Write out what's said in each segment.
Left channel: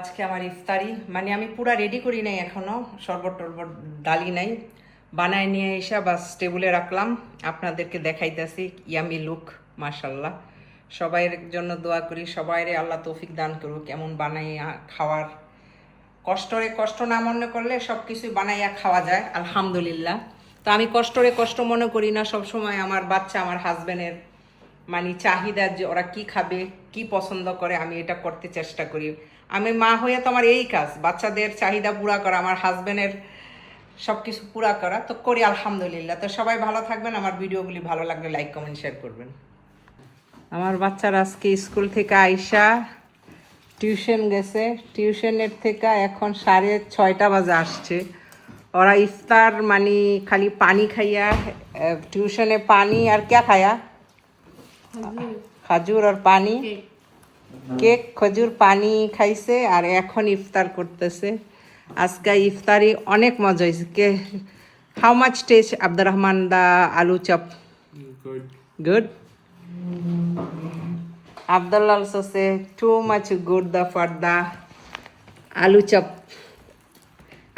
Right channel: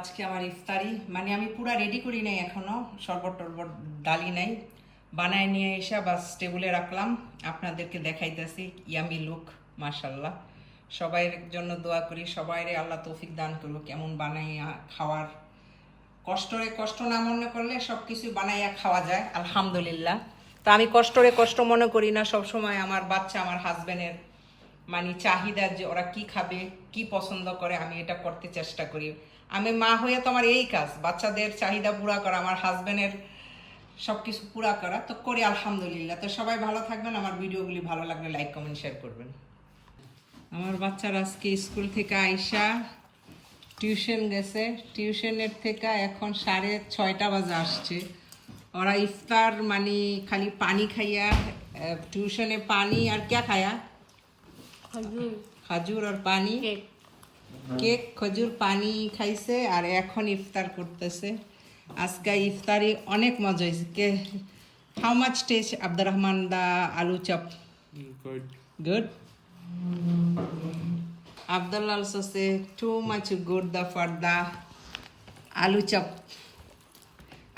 আজকে আমার ইফতারি মানে আমি পুরা রেডি করি নাই এখনো, শরবত টরবত ডালি নাই, বানায় নিয়ে এসে বাস টেবিলে রাখলাম। আপনাদেরকে দেখাইতেছি ইয়ামি লুক, মাশাল্লাহ। সবাইয়ের জন্য দোয়া করি, সবাইরে আল্লাহ তৌফিক দান করুক কেমন বানাইয়া খাওয়ার। কষ্ট না মনে করলে সব কিছু বানাইয়া খাওয়া যায়, আলহামদুলিল্লাহ। তো আমি কষ্ট মনে করি না, সবসময় আমার বাচ্চা আমার হাজবেন্ডের মানে চাহিদা, যে ওরা কি খাবে কি পছন্দ করে আমি এটা করতে চেষ্টা করি। আমি মা হয়ে তো আমার এই কাজ, বাচ্চাদের চাহিদা পুরা করা, আমার হাজবেন্ডের সব কিছু পুরা করা তো করি, আলহামদুলিল্লাহ। তো সবাই ভালো থাকবেন, আমার ভিডিওগুলি ভালো লাগলে লাইক কমেন্ট শেয়ার করবেন। আমার বাচ্চারা আজকে স্কুল থেকে আইসা টিউশন গেছে, টিউশনের থেকে এখন 6:30 বাজে আসছে। ওরা ইফতার মানে খালি পানি খাইয়া, টিউশনে পানি আর क्या খায়া, খাজুর আর পানি, কেক খজুর পানি খাইছে আর এখন ইফতার করতেছে। আজকে ইফতারি অনেক মজা হয়েছে। কে how much taste Abdur Rahman da আলু chop? Good. Abdullah also say too much good the for the আলু চপ,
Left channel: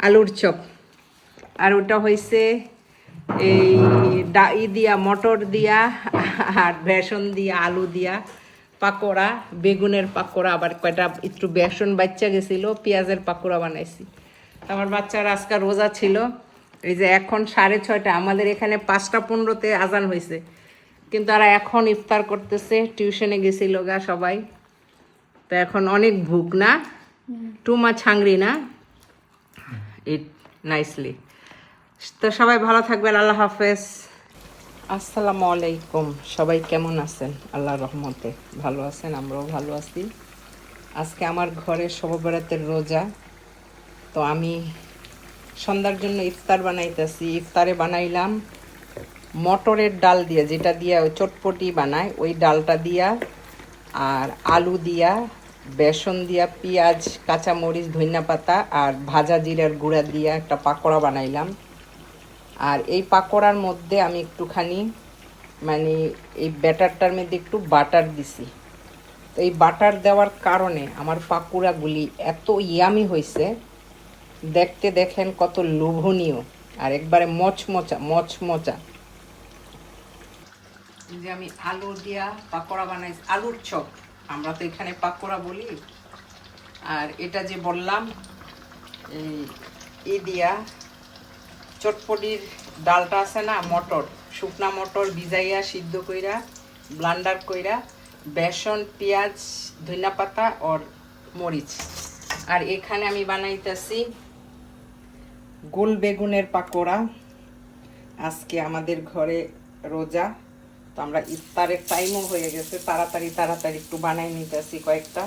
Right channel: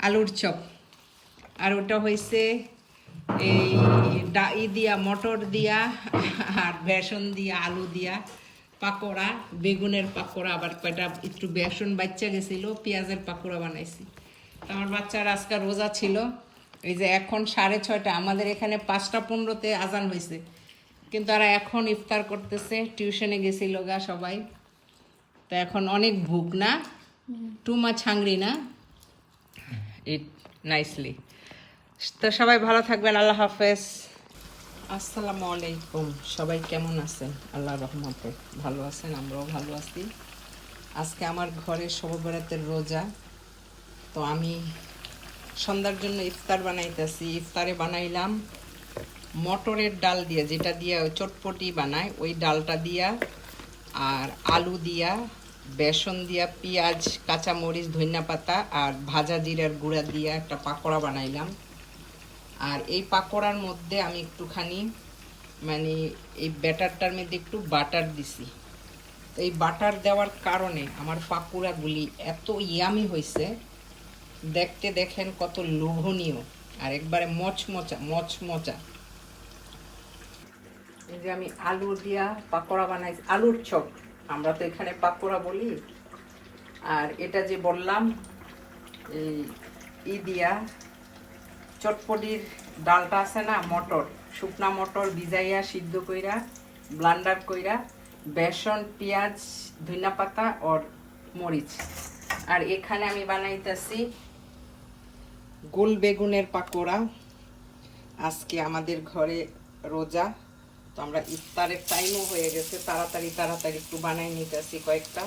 আলুর চপ। আর ওটা হয়েছে এই দিয়া মটর দিয়া আর বেসন দিয়া আলু দিয়া পাকোড়া, বেগুনের পাকোড়া, আবার কয়টা একটু বেসন বাচ্চা গেছিল, পেঁয়াজের পাকোড়া বানাইছি। আমার বাচ্চার আজকে রোজা ছিল। এই যে এখন 6:30, আমাদের এখানে 5:15-তে আজান হয়েছে, কিন্তু তারা এখন ইফতার করতেছে। টিউশনে গেছিল গা সবাই, তো এখন অনেক ভুক না, টু মাচ হাংরি না, ইট নাইসলি। তো সবাই ভালো থাকবেন, আল্লাহ হাফেজ, আসসালামু আলাইকুম। সবাই কেমন আছেন? আল্লাহর রহমতে ভালো আছেন, আমরাও ভালো আছি। আজকে আমার ঘরে শবে বরাতের রোজা, তো আমি সন্ধ্যার জন্য ইফতার বানাইতেছি। ইফতারে বানাইলাম মটরের ডাল দিয়া, যেটা দিয়া চটপটি বানায় ওই ডালটা দিয়া, আর আলু দিয়া, বেসন দিয়া, পেঁয়াজ, কাঁচামরিচ, ধনিয়া পাতা আর ভাজা জিরার গুঁড়া দিয়া একটা পাকোড়া বানাইলাম। আর এই পাকোড়ার মধ্যে আমি একটুখানি মানে এই ব্যাটারটার মধ্যে একটু বাটার দিছি। তো এই বাটার দেওয়ার কারণে আমার পাকোড়াগুলি এত ইয়ামি হয়েছে, দেখতে দেখেন কত লোভনীয় আর একবারে মচমচা। এই যে আমি আলু দিয়া পাকোড়া বানাইছি, আলুর চপ আমরা তো এখানে পাকোড়া বলি। আর এটা যে বললাম এই দিয়া চটপটির ডালটা আছে না, মটর, শুকনা মটর ভিজাইয়া সিদ্ধ কইরা ব্লান্ডার কইরা বেসন, পেঁয়াজ, ধনিয়া পাতা আর মরিচ। আর এখানে আমি বানাইতেছি গোল বেগুনের পাকোড়া। আজকে আমাদের ঘরে রোজা, তো আমরা ইফতারের টাইমও হয়ে গেছে, তাড়াতাড়ি একটু বানাই নিতেছি, কয়েকটা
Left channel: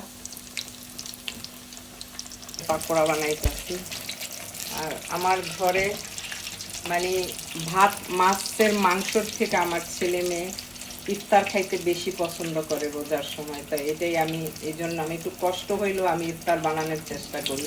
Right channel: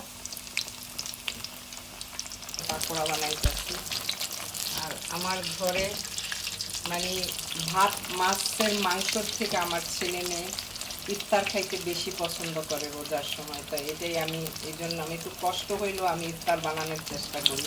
পাকোড়া বানাইতেছি। আর আমার ঘরে মানে ভাত মাছের মাংসর থেকে আমার ছেলে মেয়ে ইফতার খাইতে বেশি পছন্দ করে রোজার সময়। তাই এটাই আমি, এই জন্য আমি একটু কষ্ট হইলেও আমি ইফতার বানানোর চেষ্টা করি।